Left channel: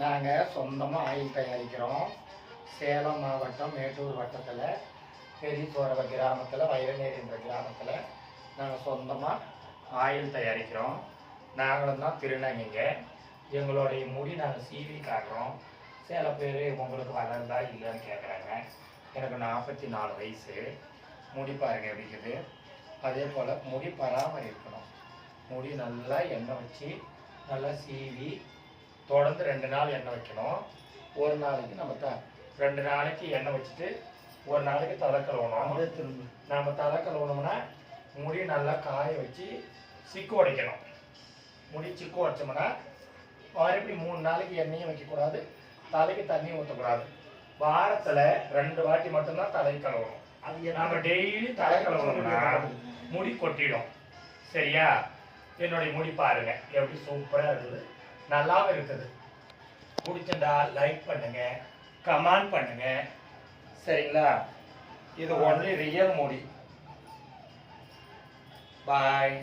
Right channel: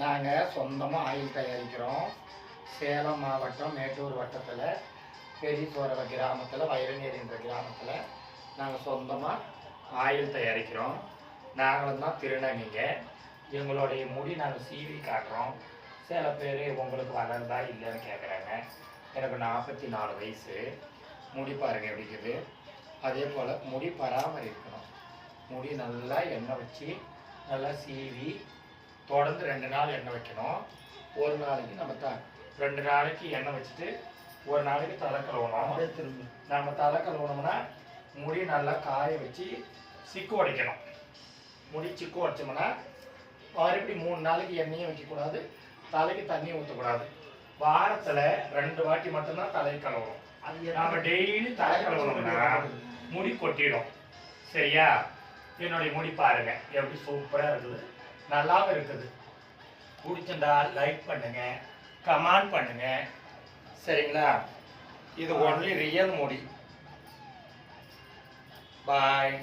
நாங்கள் சொந்தமாக ஆயில் தயாரிக்கிறோம். சேலம் மாவட்டம் மேட்டூர் வட்டத்தில் பெரியசோரவ கிராமத்தில் வைரநேரி என்ற கிராமத்தில் நாங்கள் சொந்தமாக ஆயில் தயாரிக்கிறோம். நாங்களும் தான் திருநங்கைங்க. எங்களுடைய முடி நாங்கள் சீவி காட்டுறோம். சில பேர் உங்களுக்கு வளருதா இல்லைன்னு கேட்குறாங்க. எனக்கு 44 வயசு. முடி பாருங்கள் எப்படி இருக்குது. அதே போல் முடி பராமரிக்கணும். முடி நல்லா எண்ணெய் வச்சு நல்லா சீவி தொடர்ந்து 2 நாள் எண்ணெய் வைக்கணும். ஒரு நாளைக்கு நம்ம 2 நாளைக்கு எண்ணெய் வச்சுட்டு ஒரு நாளைக்கு தலை கழுவணும். நம்ம தலை கழுவணும்னா முடி நல்லா காய வச்சு சிக்கு உடைக்கணும். முடி சிக்கு உடைச்சோம்னா மறுபடி 3 நாளைக்கு எண்ணெயும் வைக்கக்கூடாது, தலைக்கு தண்ணி ஊற்றக்கூடாது. வாரத்தில் 2 வாட்டி மட்டும்தான் தலை கழுவணும். அது நம்ம டெய்லி தலை கழுவணும்னா முடி கொட்டிடும். சரியா? என்னுடைய முடி பாருங்க எப்படி சூப்பராக இருக்குது, நல்லாவும் இருக்குது. பிடிச்சிருந்தா லைக் பண்ணுங்க, கமெண்ட் பண்ணுங்க. சரிங்களா? இது ஒன்லி ரியல் முடி. பாய்.